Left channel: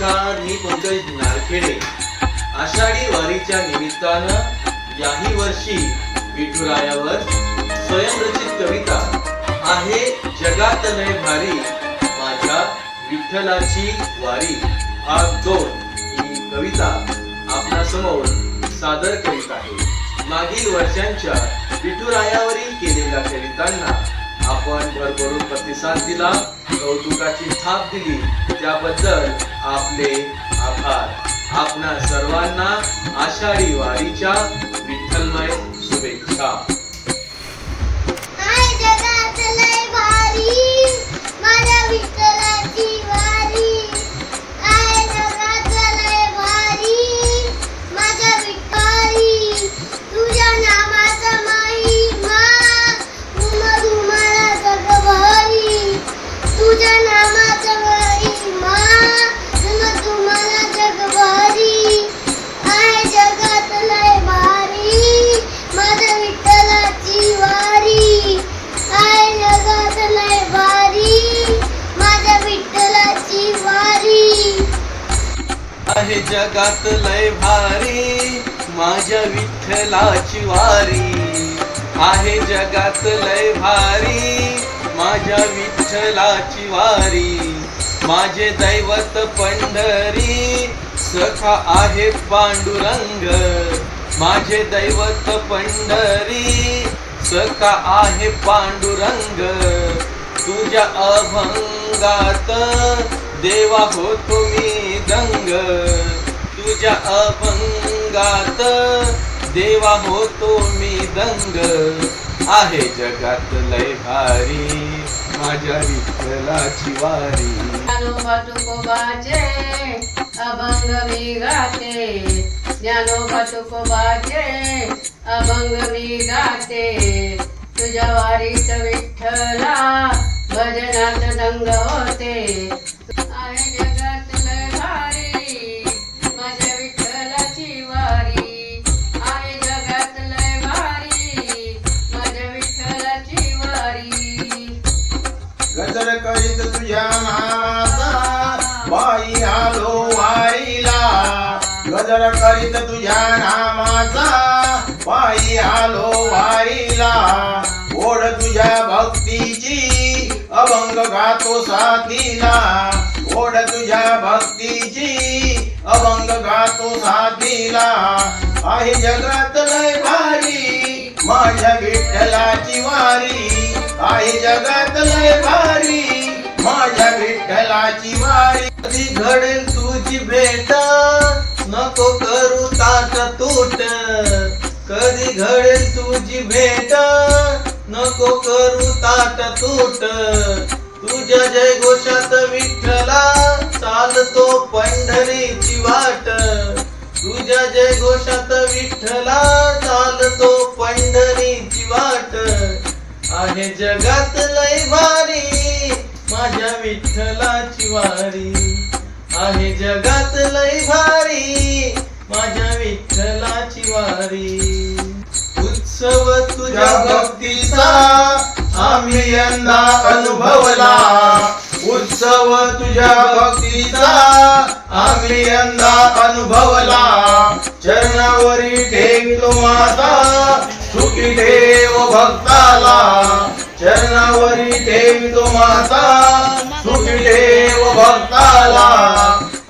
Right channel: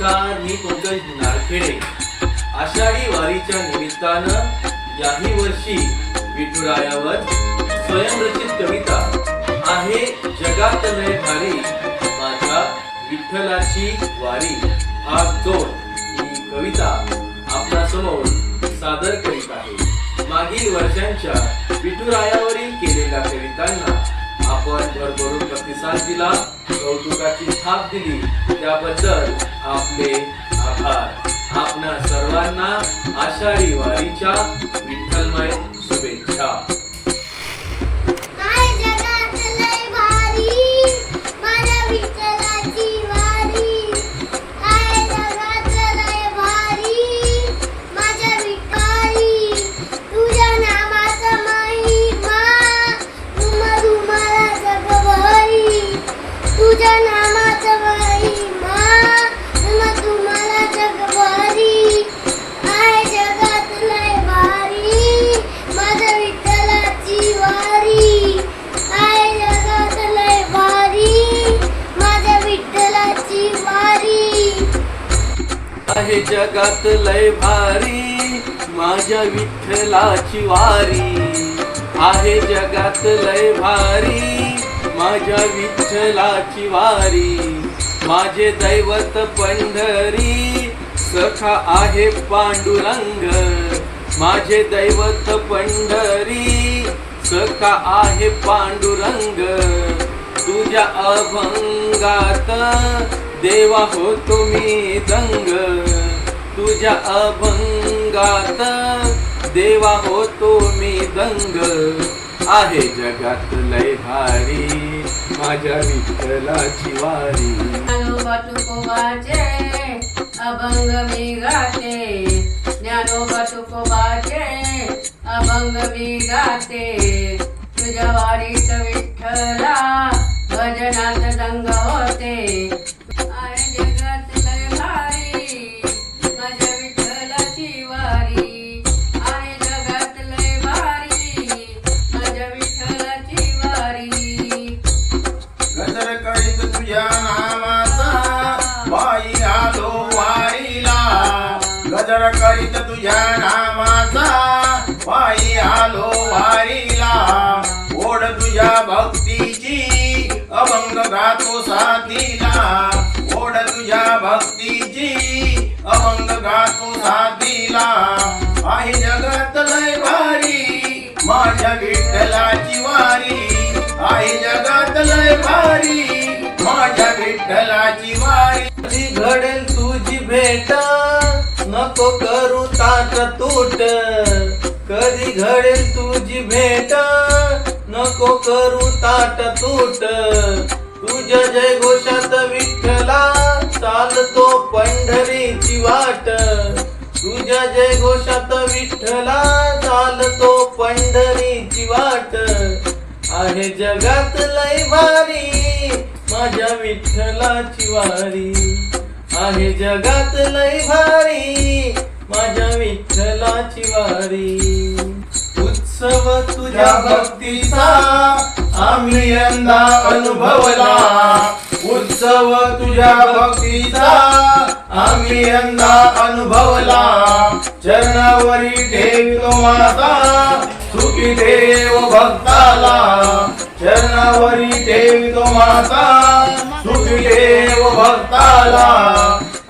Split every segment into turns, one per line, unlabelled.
नमस्कार मी पंकज नारखेडे आषाढी वारीच्या निमित्तानं याही वर्षी विठुरायावर स्वयंरचित कविता आहे जगात लय भारी माझ्या विठ्ठलाची वारी. भाग दोन ही कविता आपल्यासमोर सादर करीत आहे. मागील वर्षांच्या विठुरायावरील केलेल्या कवितांना आपण भरभरून प्रतिसाद दिला कौतुकाची थाप दिली त्याबद्दल आपले आभार. आपणा सर्वांना आषाढी वारीच्या विठ्ठलमय शुभेच्छा.
माझ्या विठ्ठलाची वारी
आहे जगात लय भारी. माझ्या विठ्ठलाची वारी माझे दैवत पंढरी. सखा आहे पांडुरंग माझे दैवत पंढरी. सखा आहे पांडुरंग तुझ्या अभंगात देवा हो तुम्ही दंग. तुझ्या अभंगात देवा होतो मी दंग आहे जगात लय भारी माझ्या विठ्ठलाची वारी.
ज्ञानोबा तुकोबाचे अभंग मी गाते. ज्ञानोबा तुकोबाचे अभंग मी गाते. तुझ्या वारीत विठ्ठला भजनात दंग होते.
आलो वारीला गजर करीत तुझ्या नामाचा. पायी आलो वारीला ओढ तुझ्या भक्तीची. अभंग गातो साथीला. ओढ तुझ्या भक्तीची. अभंग गातो साथीला. आहे जगात लय भारी. माझ्या विठ्ठलाची वारी. आहे जगात लय भारी. माझ्या विठ्ठलाची वारी.
कधी घडेल तुझी भेट. नको करू ताट तूट. कधी घडेल तुझी भेट. नको करू ताट तूट. तुझ्या जय घोषात विठ्ठला चालतो पंढरीची वाट. तुझ्या जय घोषात विठ्ठला चालतो पंढरीची वाट. आहे जगात लय भारी माझ्या विठ्ठलाची वारी आहे जगात लय भारी. माझ्या विठ्ठलाची वारी. उत्सव तुझ्या
भक्तीचा आम्ही यंदा अनुभवला. उत्सव तुझ्या भक्तीचा आम्ही यंदा अनुभवला. चरणावरी ठेवतो माता सुखी देव भक्ताला. चरणावरी ठेवतो माता सुखी देव भक्ताला.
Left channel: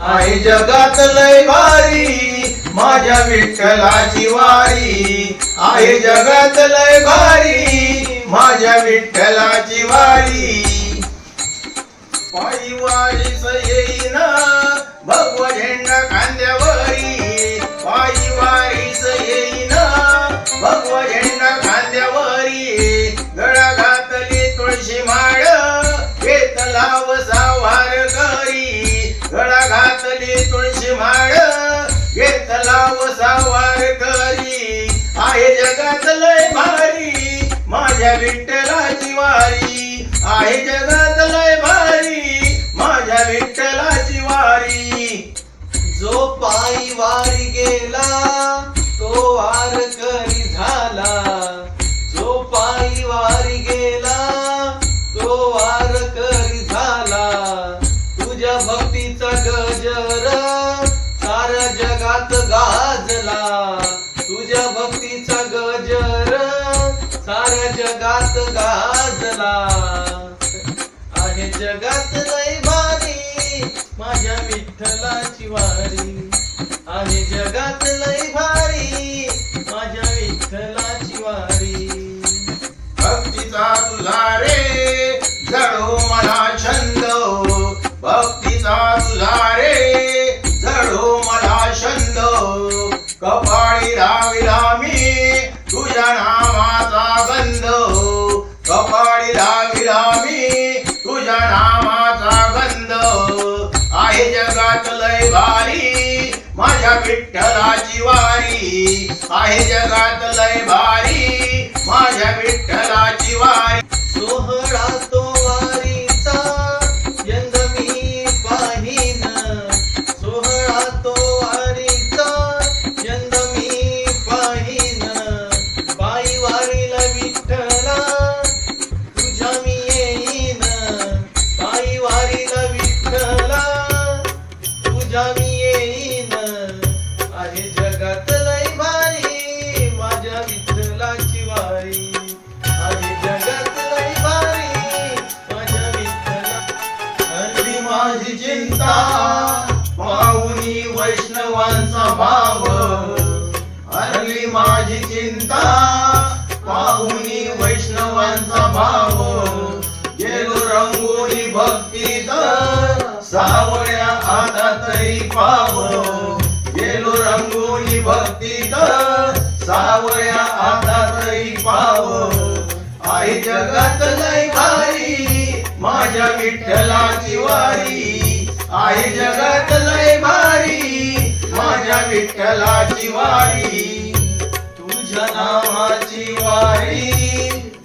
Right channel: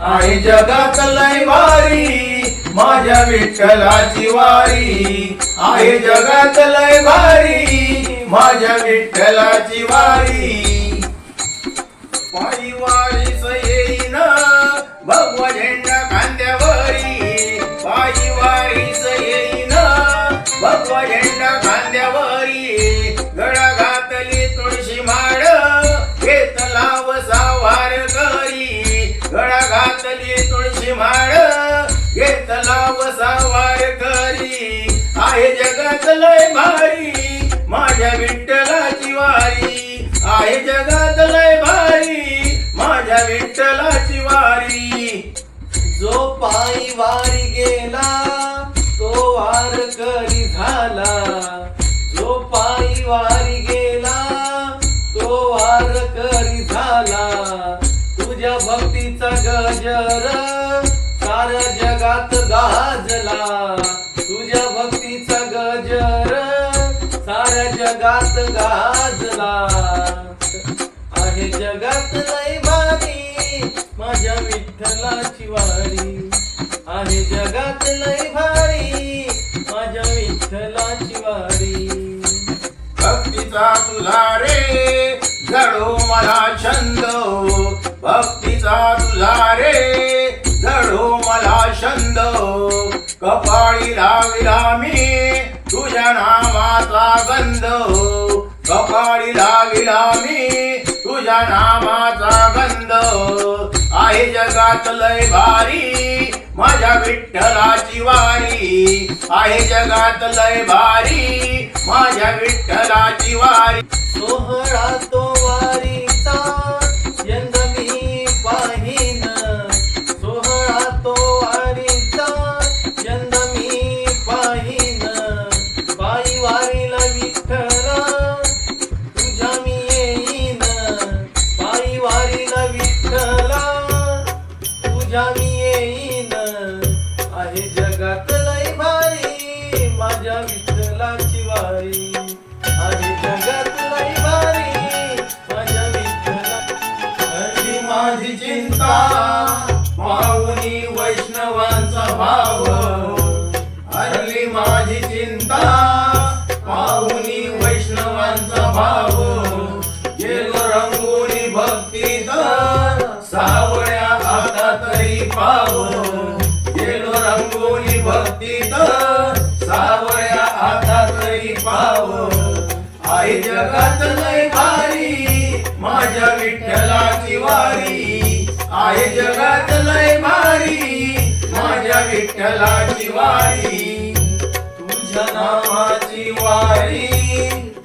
आई जगात लय भारी माझ्या विठ्ठलाची वारी. आई जगात लय भारी माझ्या विठ्ठलाची वारी. पायी वारीस येईन भगवा झेंडा खांद्यावरी. पायी वारीस येईन भगवा झेंडा माळ घेत लाव सावार करी आहे जगात लय भारी माझ्या विठ्ठलाची वारी. आहे जगात लय भारी माझ्या विठ्ठलाची वारी.
जो पायी वारी गेला तो वार करी झाला. जो पायी वारी गजर सार जगात गाजला. तुझ्या भक्तीचा गजर सार जगात गाजला. आहे जगात लय भारी माझ्या विठ्ठलाची वारी. आहे जगात लय भारी माझ्या विठ्ठलाची वारी.
भक्तीचा तुला रे जडो मला छंद. भक्ती कपाळी लाविला मी तुझ्या नामाचा गंध हो. कपाळी लाविला मी तुझ्या नामाचा गंध हो. आहे जगात लय भारी माझ्या विठ्ठलाची वारी. आहे जगात लय भारी माझ्या विठ्ठलाची वारी.
सोहळा तो पाहुनी
वैष्णवांचा भाव गेलो रंगोली भक्ती सावळ्या आता तरी पाव गेलो रंगोली भक्ती सावळ्या आता तरी पाव आई जगात नाही भारी माझ्या विठ्ठलाची वारी. आई जगात नाही भारी माझ्या विठ्ठलाची वारी. नावाची वारी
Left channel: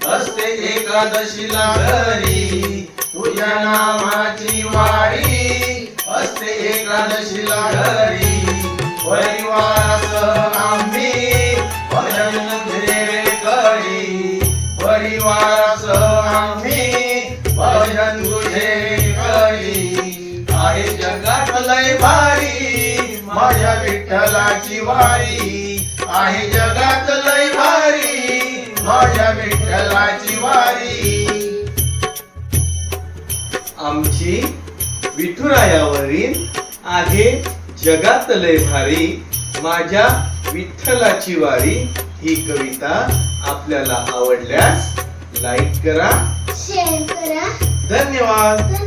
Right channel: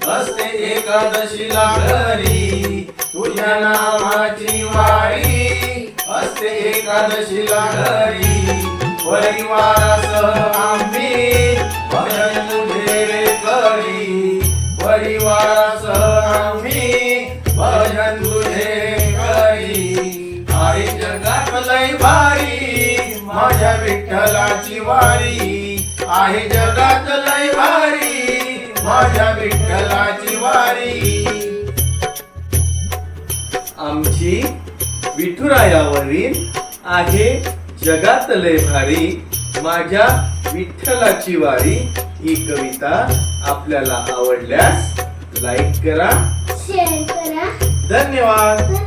असते एकादशीला घरी तुझ्या नावाची वारी असते एकादशीला घरी परिवारासह आम्ही भजन तुझे करी. परिवारासह आम्ही भजन तुझे करी. आई जगात लय भारी माझ्या विठ्ठलाची वारी. आहे जगात लय भारी माझ्या विठ्ठलाची वारी.
आमची विठुरायावरील आहे जगात लय भारी माझ्या विठ्ठलाची वारी. ही कविता आपल्याला आवडल्यास लाईक करा.
शेअर करा.
धन्यवाद.